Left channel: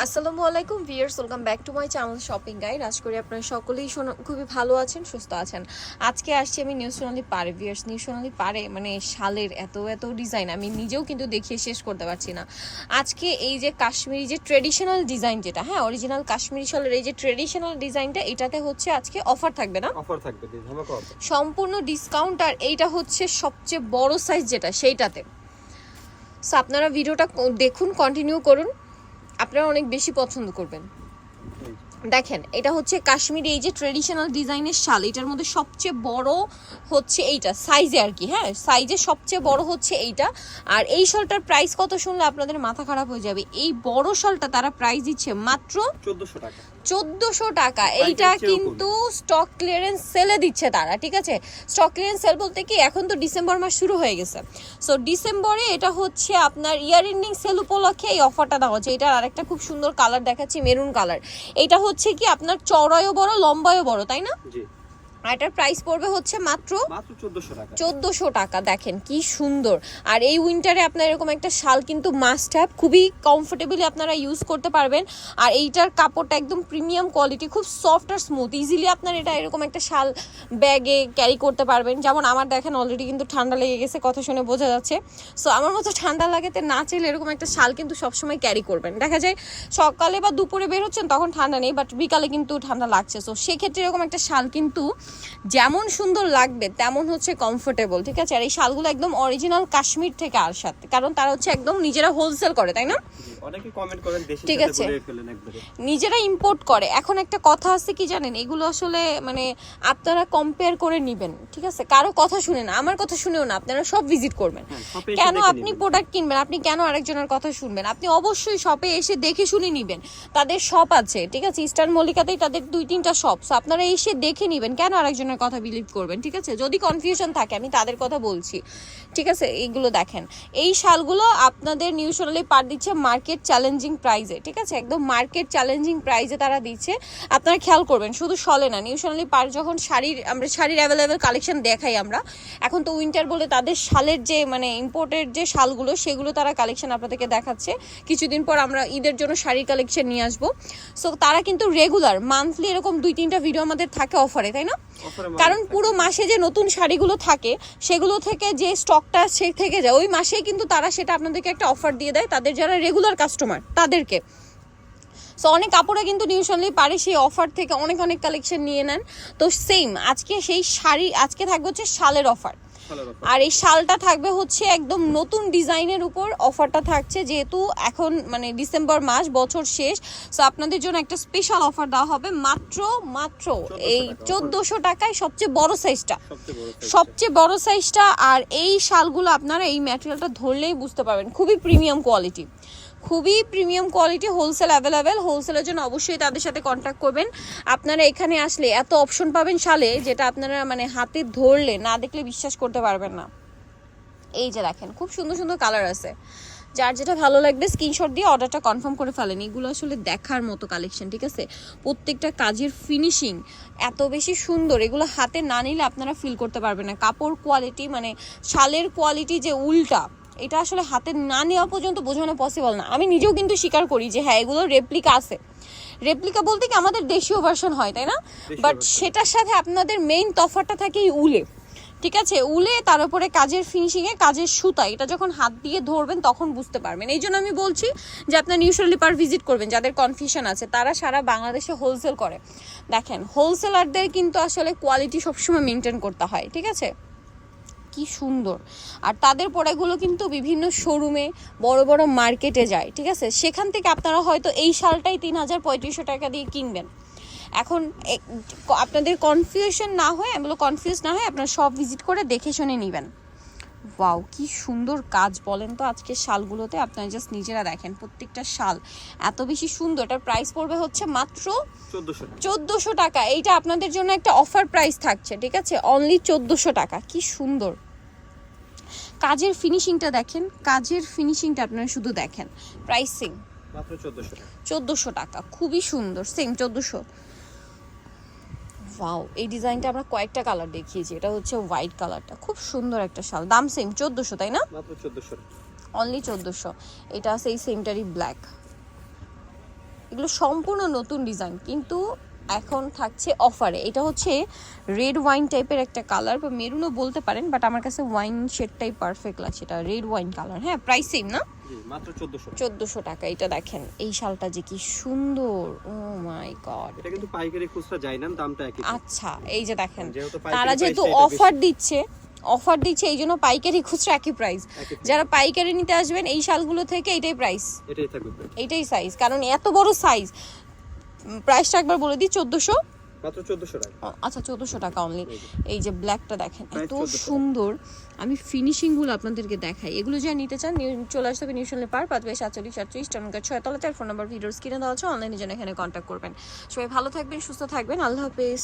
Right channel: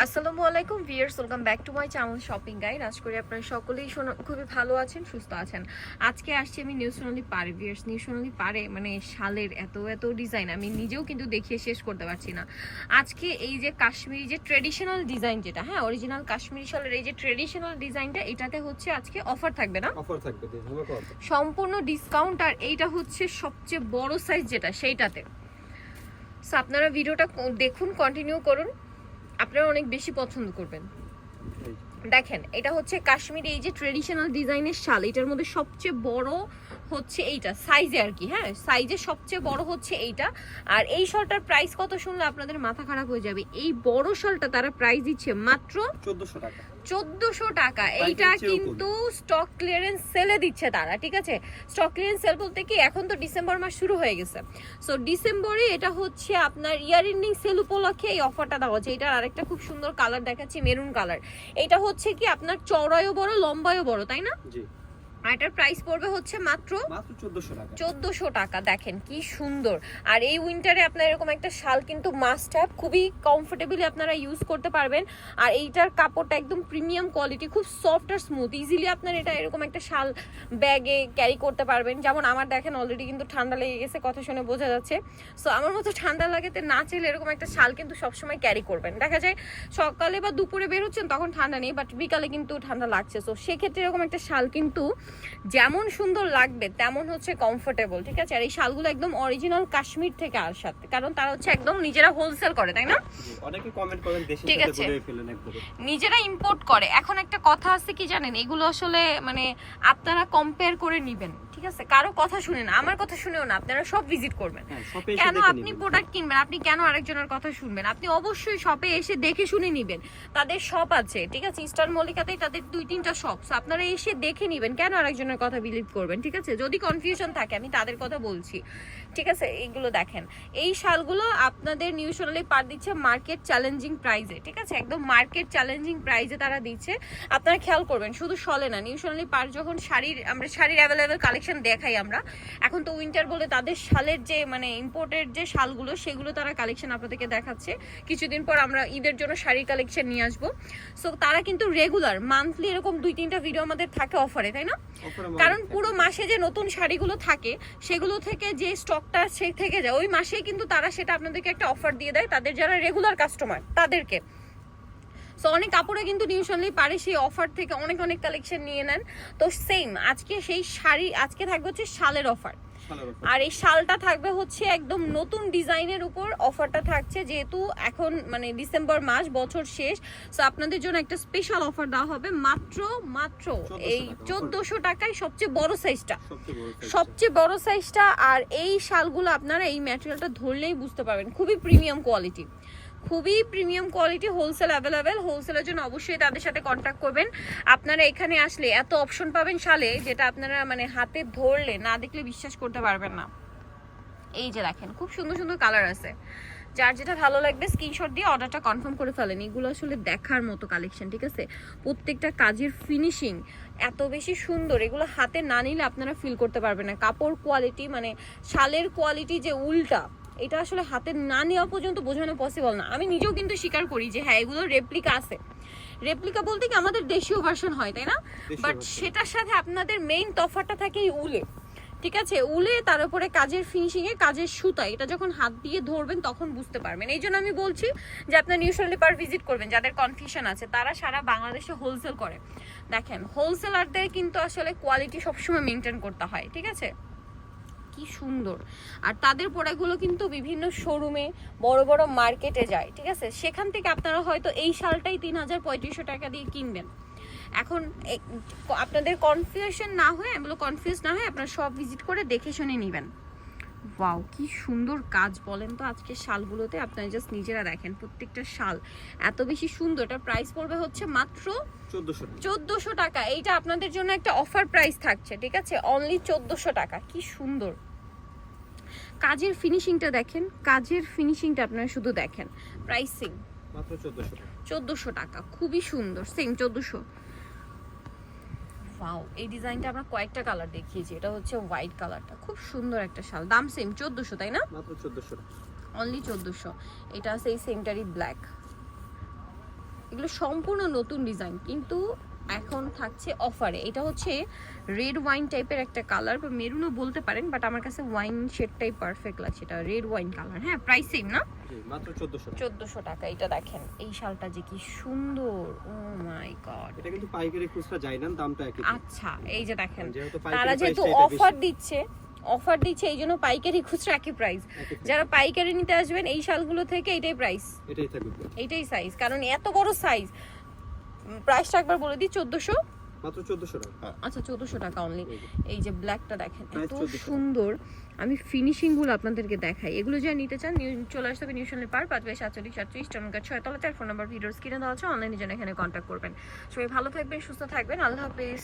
আসসালামু আলাইকুম viewers welcome back to my channel shopping guide. আজ করি আপনারা সকলেই শোনো- খুবই ভালো আছেন সুস্থ আছেন। আজকে আসছি আমি নিউ সোনালি পারে ভিয়ার্স নিউ সোনালি পারে মানে শালের এত এত ডিজাইন আমি নিজেও কিন্তু দেখিয়ে শেষ করতে পারছি না। আজকে এই যে কাশ্মীরি যে ট্রেডিশনাল ডিজাইন যেটা হ্যাঁ অরিজিনাল কাশ্মীরি শালের এই যে ট্রেডিশনাল ডিজাইনটা এটাতে হচ্ছে আজকে অফার থাকবে না? অফার থাকবে সম্পূর্ণ ডিসকাউন্ট আর এইটা হচ্ছে সবচেয়ে বড় সাইজ যেটা সেইটাতে। সো আপনারা ভিডিওটা দেখুন কন্টিনিউ করুন। আপনারা অনেক বেশি পছন্দ করবেন। দেখেন এটা হচ্ছে কাশ্মীরি এই যে ট্রেডিশনাল ডিজাইনের শাল এটার মধ্যে সবচেয়ে বড় হচ্ছে এইটা সাইজে আর কি হ্যাঁ? সাইজে সবচেয়ে বড় হচ্ছে এইটা। আর এই শালটার প্রাইস কত শুনলে আপনাদের মাথা খারাপ হয়ে যাবে। এই বড় শালটা তারা প্রাইস দিচ্ছে মাত্র চোদ্দশো টাকা। চোদ্দশো টাকা। এইটা কিন্তু স্টক ক্লিয়ারেন্স সেলে দিচ্ছে তারা ঠিক আছে? স্টক ক্লিয়ারেন্স সেল বলতে কি এখন তো ডিসেম্বর মাস শুরু হয়ে গেছে। সো ডিসেম্বরে এটা হচ্ছে আপনার ইয়ার এন্ডিং সেল উপলক্ষে এই অফারটা দেওয়া হচ্ছে। এটার আরেকটা খুব সুন্দর কালার দেখাচ্ছি মেরুন কালার এটা হচ্ছে কি আপনার চড়ায়ও বড় লম্বায়ও বড় তাই না? জি। আর এটার প্রাইস পড়বে হচ্ছে মাত্র চোদ্দশো টাকা। চোদ্দোশো টাকা দেখেন কি সুন্দর। আর এই উইন্টারে আপনার এরকম একটা শাল কিন্তু মাস্ট হ্যাভ খুবই কমফোর্টেবলি আপনারা ইউজ করতে পারবেন। আর এইটার কাপড়টা একদম প্রিমিয়াম কোয়ালিটি খুব সফট আর স্মুথ ইজিলি আপনার এটা এরকম একটা শাল ব্যাগে ক্যারি করতে পারবেন। যেমন আমার দেখেন অলরেডি কিন্তু ঠান্ডা লেগে গেছে কথা শুনে বোঝা যাচ্ছে। সো আমার মতো ঠান্ডা লাগাতে না চাইলে এরকম একটা শাল কিন্তু সবসময় ক্যারি করবেন। দেখা যায় সকালে বা দুপুরে বের হচ্ছেন তখন ঠান্ডা নেই বাট বিকালে কিন্তু ঠান্ডা লাগছে। সো সেক্ষেত্রে এরকম একটা শাল কিন্তু যেমন সুন্দর লাগবে তেমন হচ্ছে কমফোর্টেবল ঠিক আছে? আর এই শালগুলো একদম অরিজিনাল কাশ্মীর থেকে আসার কারণ তারা হচ্ছে একদম নিজেরা হোলসেল করে তাই না? অনেকে কমেন্ট করেন দেশের ঠিক আছে। নিজেরা ইম্পোর্ট করে। এখন একটা কথা আছে কি জানেন? এগুলো আসলে মানে আপনারা কম্পেয়ার করে নিবেন ঠিক আছে? কারও কথা শুনে না আমার কথা শুনেও না আপনারা সব ভিজিট করবেন। হ্যাঁ কেন আপনি প্রোডাক্ট কিনবেন? আপনি কেন আরেকজনের কথা শুনবেন? আপনি অবশ্যই শপে এসে দেখে শুনে নিবেন। তাদের শপ আছে ঠিক আছে? ইস্টার্ন মল্লিকাতেই তাদের দুই তিনটা শপ আপনারা এসে দেখে নিবেন। কেন আরেকজনের কথা বিলিভ করবেন, ঠিক আছে? যদি কনফিউশন থাকে, আমি তাদের কথা বলছি, ঠিক আছে? এইগুলো দেখেন। এই শালগুলো আপনাদের নিউ সোনালি পার দিচ্ছে মার্কেট চ্যালেঞ্জিং প্রাইজে ঠিক আছে? একদম মার্কেট চ্যালেঞ্জিং প্রাইজে তারা দিচ্ছে। আপনারা খেয়াল করবেন, শুধু শলে না নিউ পার যখন শাড়ির, আমরা শাড়ির অ্যাভেলেবেল কালেকশন দেখাই আমরা, এখন তো উইন্টার বলে তাদের শালের যে মানে ইম্পোর্টেড যে শালগুলো, সেগুলো তারা কালেকশন আপনাদেরকে দেখাচ্ছে। কিছুদিন পর আমরা ঈদের জন্য শাড়ির কালেকশন নিয়ে আসব। সো তারা কিন্তু রেগুলার মান্থলি এরকম দুই তিনটা ভিডিও আমাদের থাকে অফারে তাই না? কারণ। পুরো মাসে যে নতুন শাড়িগুলো থাকে সেগুলো থেকে যে স্টকটা সে থেকে যায় ওই মাসেই কিন্তু তারা সেটা আপনাদেরকে একটা অফার দিয়ে দেয় তাদের যারা রেগুলার কাস্টমার তাদেরকে সো অনেক কাপড়ে কিন্তু নিউশনলি পারে সেই অফার থেকে অনেক অনেক কালেকশন নিয়ে নেন তো সেম আজকে সেই শাড়ি আজকে থাকবে হচ্ছে শালের অফার। আর এই শালটা থাকবে হচ্ছে একদম নতুন ডিজাইনের উপর। অফারটা থাকছে যেহেতু এখন মানে ডিসেম্বর মাস বছর শেষ। সো আপনাদের জন্য একটা স্পেশাল অফার দেওয়া হবে। মাত্র মাত্র এই চোদ্দশো টাকায় সবচেয়ে বড় সাইজটা সবচেয়ে বড় সবচেয়ে বড় সাইজটা আর এই শালগুলো আপনারা এই ম্যাটেরিয়ালটা ধরলেই বুঝতে পারবেন। খুবই প্রিমিয়াম কোয়ালিটি খুবই প্রিমিয়াম কোয়ালিটি হোলসেল অ্যাভেলেবেল হোলসেলের জন্য অবশ্যই তাদের সাথে কন্ট্যাক্ট করবেন। আপনারা এখানে আসলে এত অপশন পাবেন শালে, যেটা আপনারা মানে হাতে ধরলে না দেখলে বিশ্বাস করতে পারবেন না। এই যে দেখেন, খুব সুন্দর সুন্দর কালার আছে। যার যেটা ভালো লাগবে স্ক্রিনশট দিয়ে অর্ডারটা কনফার্ম করে ফেলেন। এগুলো আসলে দেখার মতো কালেকশন ঠিক আছে? প্রত্যেকটা কাজের ফিনিশিং এত বেশি সুন্দর। এগুলো হাতে না নিলে আপনারা ফিল করতে পারবেন না। কাপড় কোয়ালিটি মানে শালের কোয়ালিটি যে উল্টা এটা আসলে হাতে না নেওয়া পর্যন্ত বোঝানো পসিবল না। আমি নিজেও কিন্তু স্বীকার করি যে হ্যাঁ এগুলো রেপ্লিকা আছে। রেপ্লিকা বলতে কি আমাদের দেশীয় ভার্সন হয় তাই না? বাট সেটার সাথে আপনাদের মেইন তফাৎটা থাকে এই উলে। ঠিক আছে? উলে তার উপরে কাজের ফিনিশিং এ কাজের সুতা। এটা যখন হাত দিয়ে ধরবেন তখন বুঝতে পারবেন। এই জন্য আমি বলছি যে আপনার নিউশালি পার ভিজিট করবেন যাদের কনফিউশন আছে। তারা সারা বাংলাদেশে হোলসেল করে। দেখেন হোলসেলারদের কিন্তু আসলে কোয়ালিটি সবসময় মেনটেন করতে হয় ঠিক আছে? কি সুন্দর। আর তাদের পড়াগুলো কিন্তু বিভিন্ন শোরুমে বড় বড় মার্কেটে যায়, ঠিক আছে? সেখান থেকে আপনারা হয়তো এই শালটাই তিন হাজার পঁয়ত্রিশশো টাকা দিয়ে কিনবেন। এখন আপনাদের কনফিউশন না হয়ে এগুলো কনফিউজ না হয়ে আপনারা সব ভিজিট করে দেখে শুনে নেবেন। ওয়াও কি সুন্দর কাজ বলেন তো আজকে শালগুলোতে। আপনারা জাস্ট নিজেরা দেখেন প্রত্যেকটা শাল। এত বেশি সুন্দর। এটার প্রাইস পড়বে হচ্ছে মাত্র চোদ্দশো টাকা। এইটা আপনাদের জন্য একটা অফার প্রাইস থাকছে ঠিক আছে? অনলি চোদ্দোশো টাকা। কি সুন্দর। কাজের ফিনিশিংটা দেখেন। কাজের ফিনিশিংটা আপনারা শুধু দেখেন। প্রাইসিং মাত্র চোদ্দশো টাকা। চোদ্দোশো টাকা। খুবই সুন্দর। সেম চোদ্দোশো। ওয়াও এই ডিজাইনটা আমরা কয়েকটা কালার দেখিয়েছি। এটা হচ্ছে হোয়াইট কালারটা। খুব সুন্দর একটা শাল। দাম সেম চোদ্দোশো তাই না? মাত্র চোদ্দশো। অনলি চোদ্দোশো। এটা আছে এই সেমটারই ব্ল্যাক এগুলো সম্পূর্ণ নতুন ডিজাইন কিন্তু এখন থাকছে অফারে। এটা হচ্ছে রেড ওয়াইন টাইপের একটা কালার বা মেরুনও বলতে পারেন বাট আমার কাছে ওয়াইন শেডটাই পারফেক্ট লাগছে। এটা রেড ওয়াইন কালার। হ্যাঁ প্রাইস সেম না? মাত্র চোদ্দশো টাকা। এটা দেখেন এই শালটা যে কি সুন্দর। Oh my God. এটা কিন্তু পাইকারি খুচরা যায় না দামটা একই। আচ্ছা এই যে দেখেন তারা যেহেতু অফার দিচ্ছে অফার দিচ্ছে এই জন্য পাইকারি খুচরা একই প্রাইস যারা পাইকারি নিতে আসবেন এই শালগুলো থেকে এটাই প্রাইস এটাই থাকবে। এটাই সাইজ কারণ এত বড় সাইজ প্রাইসটা একবার বলে দিই চোদ্দোশো? মাত্র চোদ্দশো টাকা। আচ্ছা চোদ্দোশো টাকা অনলি এই যে। ব্ল্যাকটা দেখেন এত সুন্দর। আমি ফিনিশিংগুলো আপনাদেরকে দেখাই। এগুলো যা নিতে চান চলে আসতে হবে নিউশনে পার পাঁচ বাই সাতচল্লিশ সাতচল্লিশ টাকা ছয়তলা চার ফোন নাম্বার ভিডিওর স্ক্রিনে দেওয়া আছে অনলাইনে যেন এখানে কন্ট্যাক্ট করবেন। সবাই ভালো থাকবেন সুস্থ থাকবেন। আল্লাহ হাফেজ।